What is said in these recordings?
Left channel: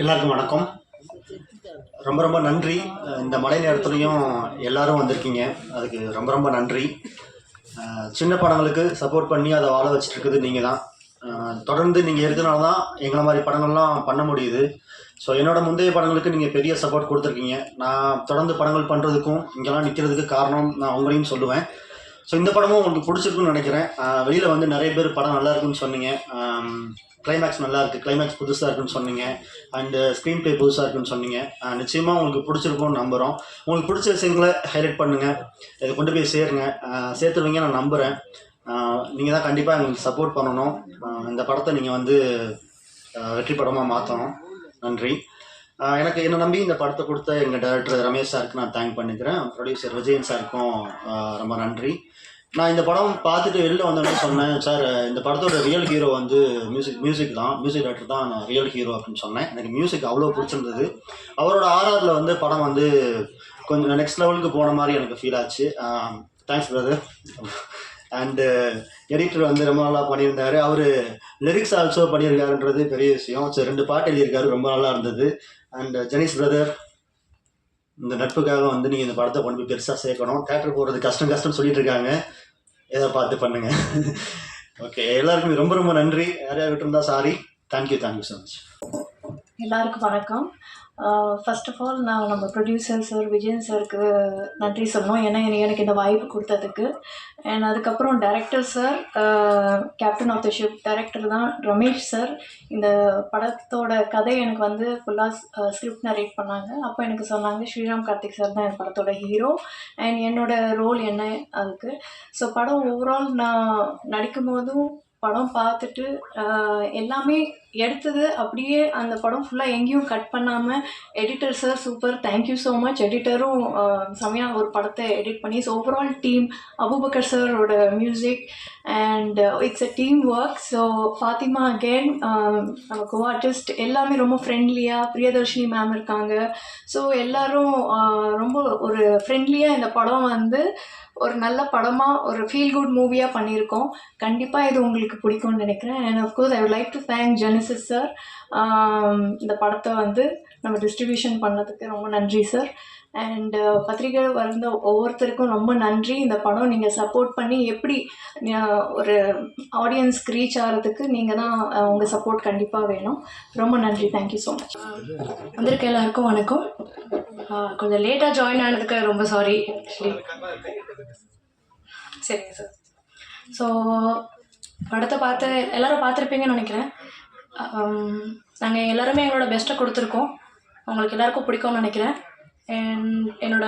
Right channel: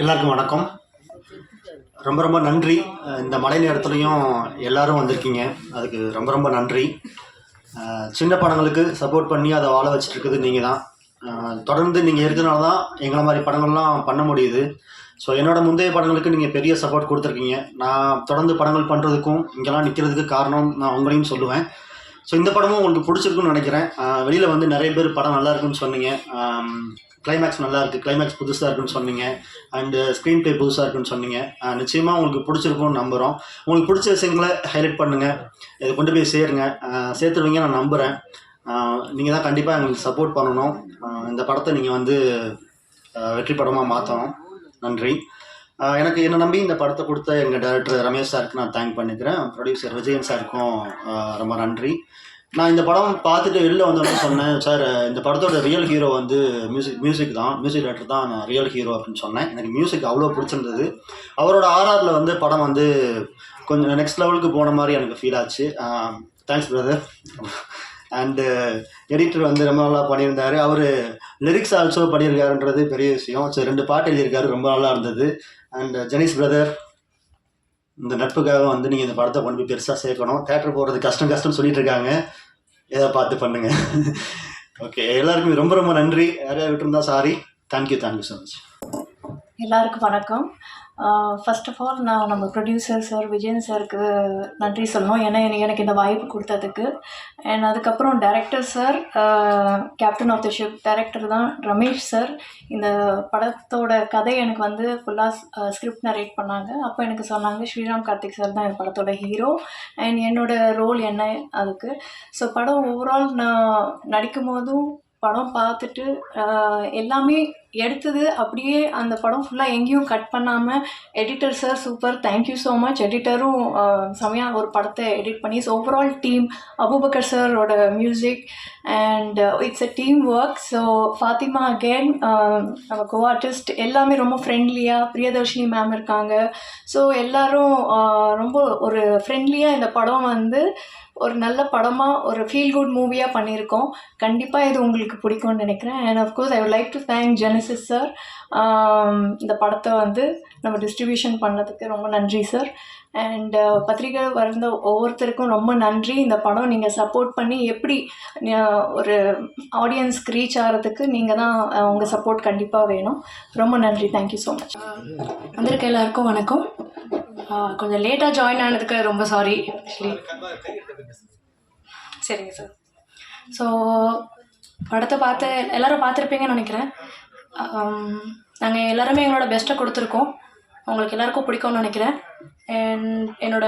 எல்லாருக்கும் வணக்கம். ரொம்ப ரொம்ப நன்றி. இந்த மழை நேரத்துலையும் எல்லாரும் வந்திருக்கீங்க. அதுக்கு ரொம்ப ரொம்ப நன்றி. சின்ன படங்களுக்கு சப்போர்ட் பண்ணி அதை வாழ வச்சுட்டு இருக்குது நீங்கள் தான் தொடர்ந்து நீங்கள் இருக்கிறனால தான் எங்களை மாதிரி படங்கள்லாம் பண்ண முடியுது. ஸோ என்னோடய முந்தைய படங்களுக்கு நீங்கள் பெரிய சப்போர்ட் கொடுத்துருக்கீங்க. நான் தொடர்ந்து படங்கள் பண்ணுறதுக்கும் இங்கெல்லாம் நிற்கிறதுக்கு காரணம் நான் உங்களையும் சொல்லுவேன். ஸோ இந்த படமும் உங்களுக்கு பிடிச்சிருக்குன்னு நினைக்கிறேன். வெளியில் வந்து நிறைய பேர் படம் நல்லா இருக்குன்னு சொன்னீங்க. கிளைமேக்ஸ் நல்லா இருக்குது கிளைமேக்ஸ் புதுசாக இருக்குன்னு சொன்னீங்க. அண்டு ஸ்க்ரீன் ப்ளே புதுசாக இருக்குன்னு சொன்னீங்க. நிச்சயமாக உங்களுக்கு பிடிச்சிருக்கும்னு நம்புகிறோம் உங்களுக்கு பிடிச்ச விஷயங்களை ஹைலைட் பண்ணுங்கள் இதை கொண்டு போய் சேருங்க. சேர்த்துருவீங்க நான் நம்புகிறேன் நீங்கள் தான் கண்டிப்பாக எங்களுக்கு சப்போர்ட் பண்ணணும். இந்த படத்தை நீங்கள் வந்து வெற்றி படமாக மாற்றணும் நன்றி. எனக்கு என்னை நம்பி இந்த படத்தை கொடுத்த எங்கள் டேரக்டர் ரமேஷ் சாருக்கு நான் தேங்க் பண்ணிக்கிறேன். ப்ரொடியூசர் விஜயன் சாருக்கும் ரொம்ப நன்றி. நான் இந்த படம் பார்த்துட்டு வெளில வந்தோடனே சொன்னேன் சார் இந்த படத்தோட ரியல் ஹீரோ வந்து மியூசிக் மியூசிக் தான் மியூசிக் டேரக்டர் தான் நான் ரியல் ஹீரோ அப்படின்னு சொன்னேன். எனக்கு மியூசிக் அவ்வளோ பிடிச்சிருந்தது. அவரோட ஆர்ஆரில் வந்து படம் வந்து கொஞ்சம் நெக்ஸ்ட் லெவலுக்கு போன மாதிரி எனக்கு ஃபீல் ஆச்சு. தேங்க்ஸ் பிரதர் அண்டு எடிட்டர் வந்து ரொம்ப நல்லா பண்ணியிருந்தாரு. அவர் லிரிக்ஸ் ஆல்சோ பண்ணியிருக்காருன்றது பெரிய விஷயம். சரி ரெண்டு பாட்டு எழுதியிருக்காரு ரொம்ப நல்லா இருந்தது. அண்ட் ஜெனிஸ் பிரதர் இந்த நட்புக்காக வந்து நீங்கள் இந்த படத்தை கொண்டு போய் பெருசாக சேர்க்கணும். தேட்டர் போகிறது கஷ்டம் கஷ்டம்னு சொல்லிட்டு இருக்காங்க. ஏதோ பார்த்து பண்ணுங்க. ஓகே எல்லாருக்குமே ரொம்ப ரொம்ப நன்றி. யாரையா விட்டுருந்தா sorry thank you thank you so much எல்லாருக்கும் வணக்கம். ஃபர்ஸ்ட் ஆஃப் ஆல் நான் நம்ம ப்ரொடியூசர் சார் விஜயன் சாருக்கு நன்றி சொல்லணும். ஏன்னா எனக்கு- இந்த வாய்ப்பு கொடுத்ததுக்கு. அண்ட் அதுக்கப்புறம் director sir captain of the ship director தான் ரமேஷ் சார் இந்த படத்தோட கதை எனக்கு வந்து ஃபுல்லாக ஸ்கிரிப்ட் நரேட் பண்ணாங்க. அப்போ எனக்கு சொன்னாங்க ஸ்ரீராம் கார்த்திக் சார் தான் என் படத்தோட ஹீரோ அண்ட் என்னோட ரோல் என்ன? அதுக்கு. ஸோ படம் ஓவரால் நான் நடிக்கும் போதும் படம் பார்த்துட்டு எல்லாமே எடுத்தது அப்படியே அந்த படம் ஃபுல்லாக எங்கேயும் கட் பண்ணாமல் editor sir super thank you so much எடிட்டரும் செமையாக ஒரு படத்தை எடிட் பண்ணி ஸோ ஓவரால் டீம் அபுபக்கர் சாரோட music and it's a team work so Fathima again நம்ம கோ ஆர்டிஸ்ட் எல்லாமே ரொம்ப ஃப்ரெண்ட்லியாக பிரியதர்ஷினி மேம் இருக்காங்க. ஸோ எல்லோரும் ரொம்ப ஒரு ஃப்ரெண்ட்லியாக இந்த படம் வந்து ஒரு நல்ல படமாக ஒரு ஃபீல் குட் மூவியாக பண்ணியிருக்கோம். கண்டிப்பாக இது உங்களுக்கு பிடிக்கும்னு நினைக்கிறேன். And of course I would like to thank Genesis sir இந்த படத்தை வந்து நம்ம டிஸ்ட்ரிபியூஷன் பண்ணதுக்கு ரொம்ப நன்றி சார் அண்ட் uh, பத்திரிகை வந்த ஒவ்வொருத்தருக்கும் ரொம்ப நன்றி. இந்த படம் நீங்கள் சப்போர்ட் பண்ணி எப்படி ஒரு ஆடியன்ஸ்க்கு ரீச் ஆகிறதுக்கு நீங்கள் தான் உங்கள் சப்போர்ட் கண்டிப்பாக வேணும். ரொம்ப நன்றி. தேங்க்யூ ஸோ மச் வந்திருக்க எல்லாருக்கும் வணக்கம். கொஞ்சம் லேட்டாக ஜாயின் ஆனதுக்கு ரொம்ப சாரி ஆக்சுவலி சரிங்க சார். ஸோ படத்தை பார்த்து எல்லாரும் பார்த்துருப்பீங்கன்னு நினைக்கிறேன். நாங்கள் எல்லாருமே எங்களோட பெஸ்ட்டை கொடுத்துருக்கோம். உங்களுக்கு எல்லாருக்கும் பிடிக்கும்னு நினைக்கிறேன். அண்ட் என்னோட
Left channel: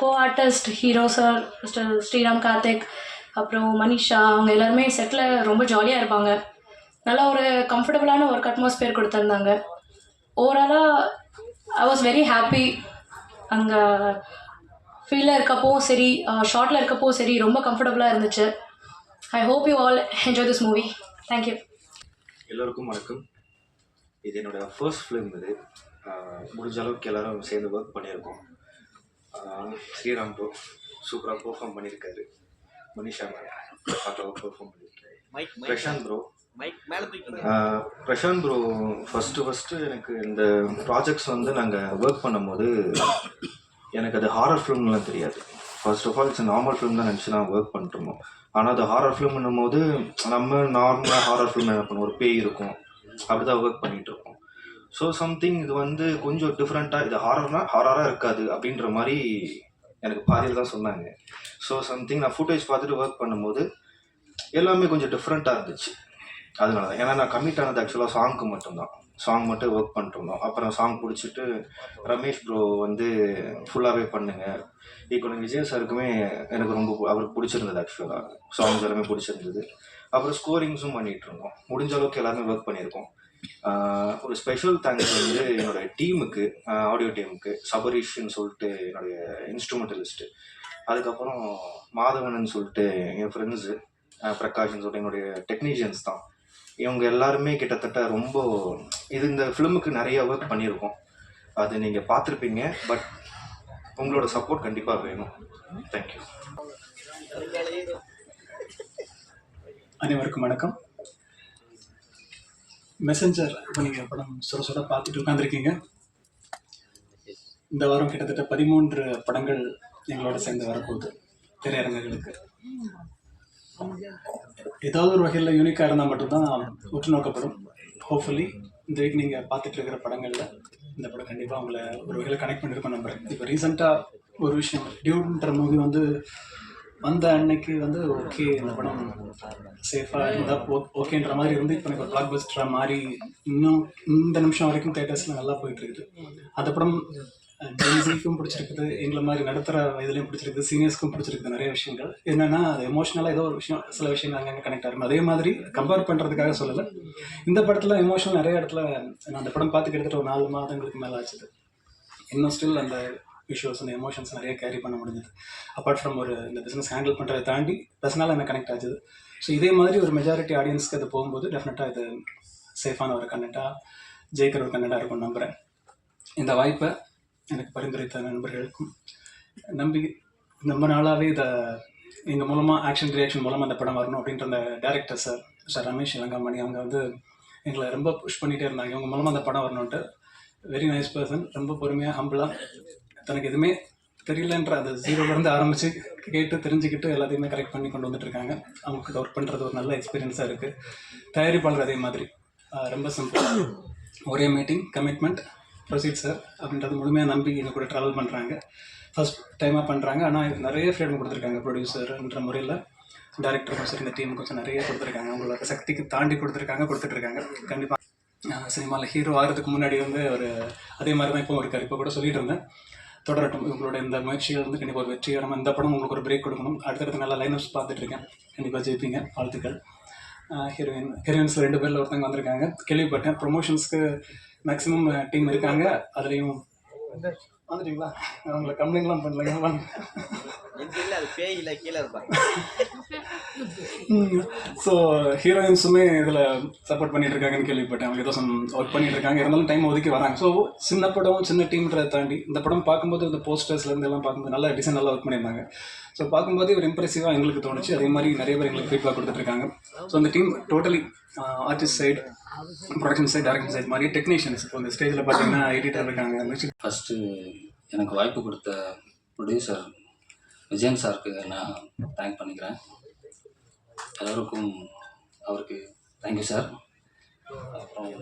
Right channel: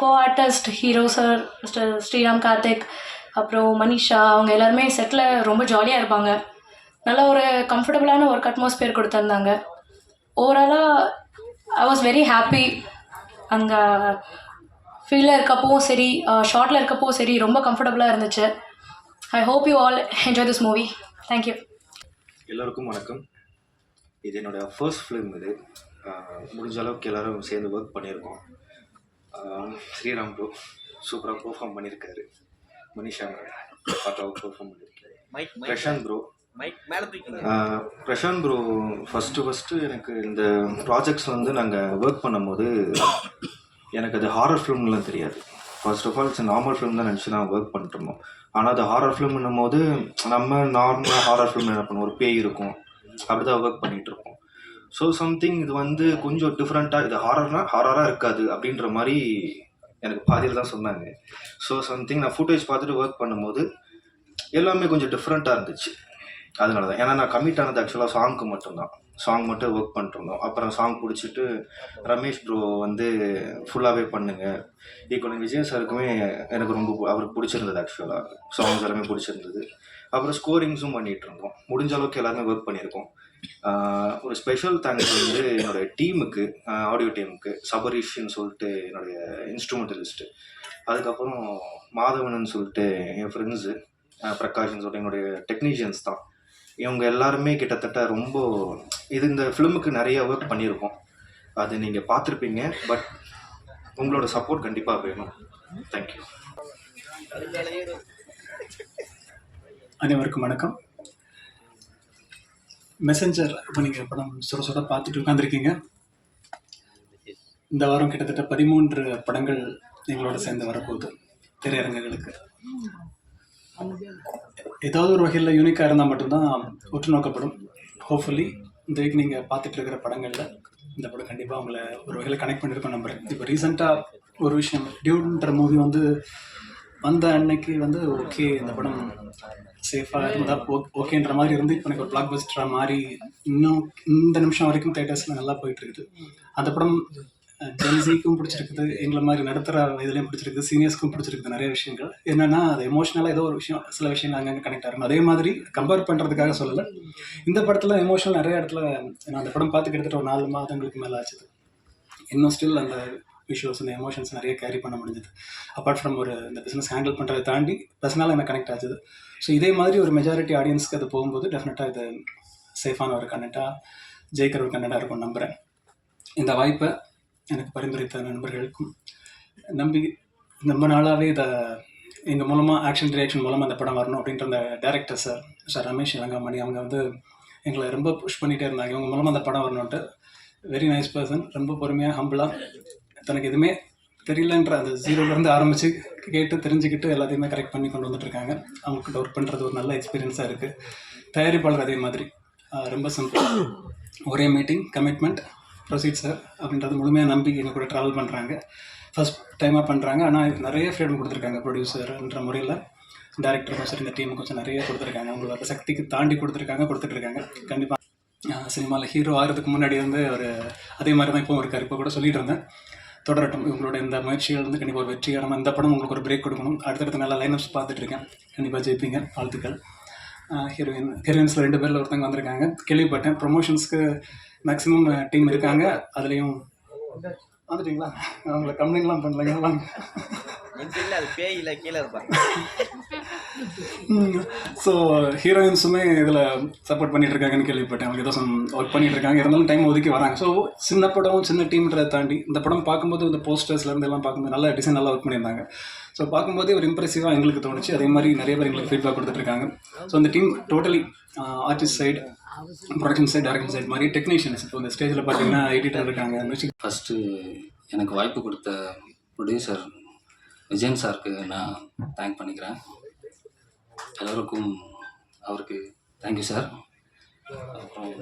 co artist hero sir mister Sriram Karthik அப்புறம் மனிஷா அவங்க எல்லாருமே செட்டில் ரொம்ப ஜாலியாக இருப்பாங்க. நல்ல ஒரு கம்ஃபர்டபுளான ஒர்க் அட்மாஸ்பியர் கொடுத்துருந்தாங்க. ஓவராலாக ஐ வாஸ் வெரி ஹாப்பி அங்கே ஃபீல்டில் இருக்கப்பவும் சரி ஷார்ட்டில் இருக்கப்போ சரி ரொம்ப கம்ஃபர்டபுளாக இருந்துச்சு. I hope you all enjoy this movie thank you எல்லோருக்கும் வணக்கம். இது என்னோட ஃபர்ஸ்ட் ஃபிலிம் இது. முடிஞ்ச அளவுக்கு எல்லாரும் சேர்ந்து ஒர்க் பண்ணியிருக்கோம். ஸ்ரீராம் ப்ரோ சூப்பராக பெர்ஃபார்ம் பண்ணியிருக்காரு. மனிஷா பக்காவாக பெர்ஃபார்ம் பண்ணியிருக்காரு. Prashanth bro Prashanth bro first first எனக்கு இந்த ப்ராஜெக்ட்ஸ் வந்து நாங்கள் ஒர்க் பண்ணும்போது எனக்கு அது ஹாரர் ஃபிலிம்லாம் தெரியாது. First of all it's normal film தான் நினச்சி நான் ஒர்க் பண்ணிட்டுருந்தோம். ஆனால் அது ஹாரர் ஃபிலிம்னும் போது நம்ம நார்மலாக ஹாரர் ஃபிலிம் என்ன பண்ணுவோம்? ஒரு பேய் இருக்கும். அப்படி தான் ஒர்க் பண்ணிகிட்டு இருக்கோம் ஸோ சம்திங் இது வந்து கொஞ்சம் டிஃப்ரெண்ட்டாக இது ஹாரர்னா ஹாரராக இருக்காது அப்படின்ற மாதிரி எனக்கு பாதியில் தான் சொன்னாங்க. ஸோ சம்திங் நான் ஃபுட்டேஜ் பார்த்துட்டு ஒர்க் பண்ணும்போது எல்லாமே கொஞ்சம் டிஃப்ரெண்ட்டாக இருந்துச்சு. அதனால தான் ஏன்னா நான் கமிட் ஆனது ஆக்சுவலாக சாங்க்கு மட்டும்தான். சாங் மட்டும் ஒர்க் பண்ணிட்டுருந்தோம். அப்புறம் சாங் பிடிச்சிட்டு ரமேஷ் ப்ரோ வந்து ஃபுல்லாகவே பண்ணுங்க. ஈக்குவல் விஜய் சாருக்குமே எனக்கு ரொம்ப அவருக்கு பிடிச்சிருந்தது ஆக்சுவலாக சாங்ஸ் எல்லாமே பிடிச்சிருந்தது. அப்புறம் ஸ்கோரிங்ஸும் பண்ணிகிட்டு இருந்தோம் முடிஞ்ச அளவுக்கு எல்லாருமே ஒர்க் பண்ணியிருக்கோம். ஒரு ஸ்பெஷல் தேங்க்ஸ் வந்து என்னோட டீமுக்கு ஆடியோ டீமுக்கு சபரீஷ்னு சொல்லிட்டு என்னுடைய இன்ஸ்ட்ருமெண்டலிஸ்ட்டு அதுக்கப்புறம் மாதவன் சொல்லிட்டு என் ஃப்ரெண்ட்ஸு பிரகாஷ்னு சொல்லிட்டு என்னுடைய டெக்னீஷியன்ஸ் தான். இவங்க எல்லாருமே கிட்டத்தட்ட ரொம்ப இது இந்த ஃபிலிமுக்கு நிறைய ஒர்க் பண்ணியிருக்கோம். அது நீங்கள் பார்த்துருப்பீங்க பட் உங்களோட சப்போர்ட் கண்டிப்பாக வேணும். தேங்க்யூ அனைவருக்கும் வணக்கம். மெசஞ்சர் இப்போ நீங்கள் படம் சுட சுட பார்த்துட்டு உட்காந்துருக்கீங்க இந்த வாரம் கிட்டத்தட்ட பதிமூன்று படங்கள் எங்களோட சேர்ந்து வரப்போகுது. திரையரங்குகளுக்கு. ஏதாவது ஒரு வகையில் யூனிக்காக இருந்தால் மட்டும்தான் உற்று நோக்கப்படும் ஹோப்ஃபுல்லி இந்த வீக் நீங்கள் பார்த்துட்டு இருக்கிற படங்களில் இந்த படம் கண்டிப்பாக உங்களை ஒரு வகையில் கனெக்ட் பண்ணியிருக்கோம் நம்புறேன். இப்போ ரீசெண்டாக ஒரு விஷயம் டியூன்ற மூவி வந்து வந்த அன்னைக்கு வந்து ஓகே இந்த படம் சேஃபாக இருந்தால் ஓகேன்ற மாதிரி இருந்து இப்போ எனக்கு ஒரு பிளாக் பஸ்டராக மாதிரி இன்னும் இந்த நிமிஷம் வரைக்கும் தேட்டர்ஸில் நல்லா போயிட்டு இருக்குது. அந்த படம் ஜென்சிக்கும் பிடிச்சிருக்குது எங்களை மாதிரி நடத்துகிற இதுலேயும் பிடிச்சிருக்குது சீனியர்ஸ்க்கும் பிடிச்சிருக்குது நிறைய விஷயங்கள். என்னென்னா அது எமோஷனலாக ஏதோ ஒரு விஷயம் சில விஷயங்கள் அங்கே கனெக்ட் ஆகும் அதே மாதிரி கம்பேர் பண்ணுறதுக்காக சொல்லலை. இந்த படத்தில் எமோஷனல் நிறைய இடத்துல நான் அந்த படம் பார்த்து கிட்டத்தட்ட ஒரு நாலு மாதங்களுக்கு மேலே ஆச்சுது இன்னும் ஸ்டில் அந்த விஷுவல்ஸ் அந்த எமோஷன்ஸ் நிறைய கேரி பண்ண முடிஞ்சது. அப்பார்ட் ஃப்ரம் ஒரு இந்த பிஸ்னஸ் ஹேண்டில் பண்ணுறதை தாண்டி பர்சனலாக எனக்கு கனெக்ட் ஆச்சுது. ஸோ இதே மாதிரி ஒரு மெஜாரிட்டி ஆடியன்ஸ்க்கு அது போகும்போது டெஃபினட்டாக இது சேஃபான ஒரு கண்டென்ட்டாக ஜெயிக்கிற ஒரு கண்டென்ட்டாக இருக்கும் நம்புகிறேன் இந்த வாய்ப்பை எனக்கு பரிந்துரைத்த நண்பர்களுக்கும் நம்பி ரொம்ப நாளாகவே இதை எங்கள் மூலமாக ஆக்ஷன் ரியாக்ஷன் மூலமாக அந்த படம் வரணும் அப்படின்ற அந்த director sir sir Ramesh Ilangamani அவங்க வந்து எங்களை ரொம்ப புஷ் பண்ணிகிட்டே இருந்தாங்க. இவங்க மூலமாக அந்த படம் வரணுன்ட்டு வெரி நைஸ் பர்சன் ரொம்ப பொறுமையாக ஹம்பிளாக தனக்கு எதுவுமே தெரியலன்ற அந்த ஜீரோலேருந்து ஆரம்பித்து கேட்டு தெரிஞ்சுக்கிட்டு எல்லாத்தையுமே கரெக்ட் பண்ணி கொண்டு வந்துட்டு இருக்காங்க. அவங்கக்கிட்ட ஒர்க் பண்ணுறது ஒரு நல்ல எக்ஸ்பீரியன்ஸாக இருக்குது தயாரிப்பாளர் அதே மாதிரி. ரொம்ப சிம்பிள் ஒரே மீட்டிங் கமிட்மெண்ட் ப்ரொசீட் சார் அப்படின்றது முழுமையாக நம்பி எங்கள் கூட ட்ராவல் பண்ணுறாங்க ஃபர்ஸ்ட் டைமாக பண்ணுறாங்க ஆனால் நிறைய ஃப்ரீடம் கொடுத்துருக்காங்க ப்ரொடியூசர்ன்ற முறையில். டேரக்டருக்கும் சரி இந்த டீமுக்கும் கொஞ்சம் நிறைய கொடுத்துருக்காங்க. அவங்களோட சக்திக்கு தாண்டி கொடுத்துருக்காங்க கொடுத்துட்ருக்காங்க. கண்டிப்பாக சினிமாவில் ஹீரோ ஆகிறதுக்கு முன்னாடி வந்து ஒரு அதே மாதிரி தான் இப்போ இருக்கார். இப்போ கூட சொல்லிட்டு இருந்தேன். தொடரட்டும். இவங்களோட இந்த முயற்சிகள் வந்து கண்டிப்பாக ஒரு வெற்றிகரமாக இந்த படம் உங்களுக்கு ஒரு பிரேக் கொடுக்கணும். அடுத்தடுத்த நல்ல லைனப்ஸ் பார்த்துட்ருக்கேன் கண்டிப்பாக ஜெயிப்பீங்க. வாழ்த்துக்கள். ஹீரோயின் ஹீரோயின்ஸில் ரெண்டு பேரில் ஒருத்தங்க வந்திருக்காங்க. கேள்விப்பட்டேன். ப்ரொமோஷன்ஸ்க்கு மேக்ஸிமம் டீம் இருக்காங்க. அதுலேயும் வந்துட்டீங்களா? நான் உங்களை கம்ப்ளைண்ட்லாம் பண்ணலைங்க. வாங்க. இல்ல அது பேய் இல்ல கீழே இருப்பான் ஸோ ஹீரோயின்ஸுமே இதில் சப்போர்ட் பண்ணிட்டு இருக்காங்கன்னு கேள்விப்பட்டேன். அவங்க ஏதோ ஒர்க் பண்ணிட்டு இருக்காங்க இருந்தாலும் டைம் ஒதுக்கி வராங்க. ஸோ சின்ன படம் சின்ன டீம்ன்றதை தாண்டி இந்த படம் பார்க்கும்போது இந்த போஸ்டர்ஸ்லேருந்து எல்லாம் பார்க்கும்போது நல்லா டிசைன் நல்லா ஒர்க் பண்ணியிருந்தாங்க. ஸோ பார்க்கும்போதே ஒரு இம்ப்ரெசிவாக எங்களுக்கு தோணுச்சு. அதே மாதிரி நிறைய பேர் எங்களுக்கு ஃபீட்பேக் கொடுத்துட்ருக்காங்க ஸோ அந்த team totally artist side production side direction side மாதிரி டெக்னீஷியன்ஸ் இப்போ இந்த ஸ்டேஜில் பார்த்தீங்கன்னா எடிட்டர் இருக்காங்க. மியூசிக் ஃபஸ்ட்டு எனக்கு வாய்ப்பு கொடுத்த ப்ரொடியூசர் விஜயன் சாருக்கு நான் தேங்க் பண்ணிக்கிறேன். எல்லோருக்கும் அவருக்கு தேங்க்யூ சார் அப்புறம்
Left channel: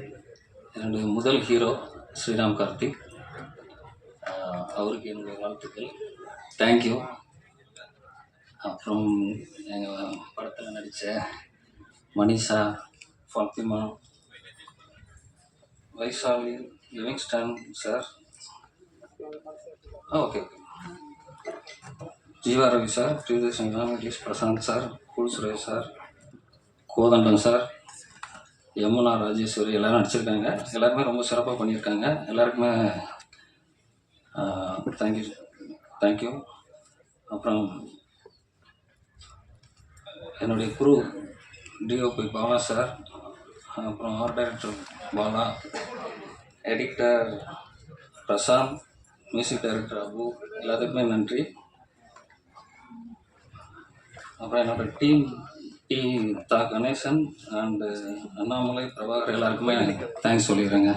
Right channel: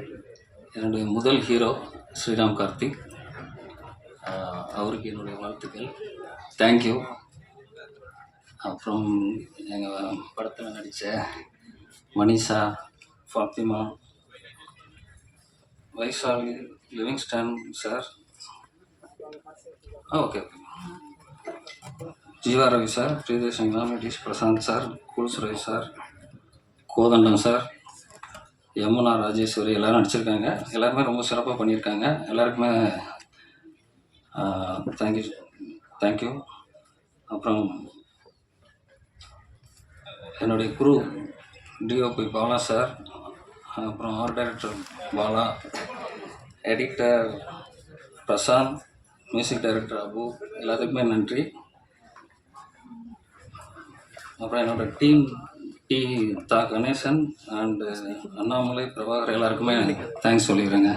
என்னுடைய முதல் ஹீரோ ஸ்ரீராம் கார்த்திக். அவருக்கு என்னுடைய வாழ்த்துக்கள். தேங்க்யூ அப்புறம் எங்கள் படத்தில் நடித்த மனிஷா ஃபாத்திமா வைசாலி லிவிங்ஸ்டன் சார் ஆ okay okay Jeeva Ravi sir Priyadarshan Venkatesh Prashanth sir cool Suresh sir Kothandam sir Yamuna Rajeswari எல்லோரும் நடிச்சிருக்காங்க. எல்லாருமே ரொம்ப சிறப்பாக பண்ணியிருக்காங்க. எல்லாருக்குமே தேங்க்யூ தேங்க்யூ அப்புறம் என்னுடைய குரு டிஓபி பாலா சார் அப்புறம் art director Bala. Editor Prashanth music director Abu எல்லாத்துக்குமே நன்றி. அப்புறம் என்னோட டீம் டி தா கணேசன் அண்டு அண்ணாமலை பிரபாகர் எல்லாருக்குமே தேங்க்ஸ் சொல்லிடுறேங்க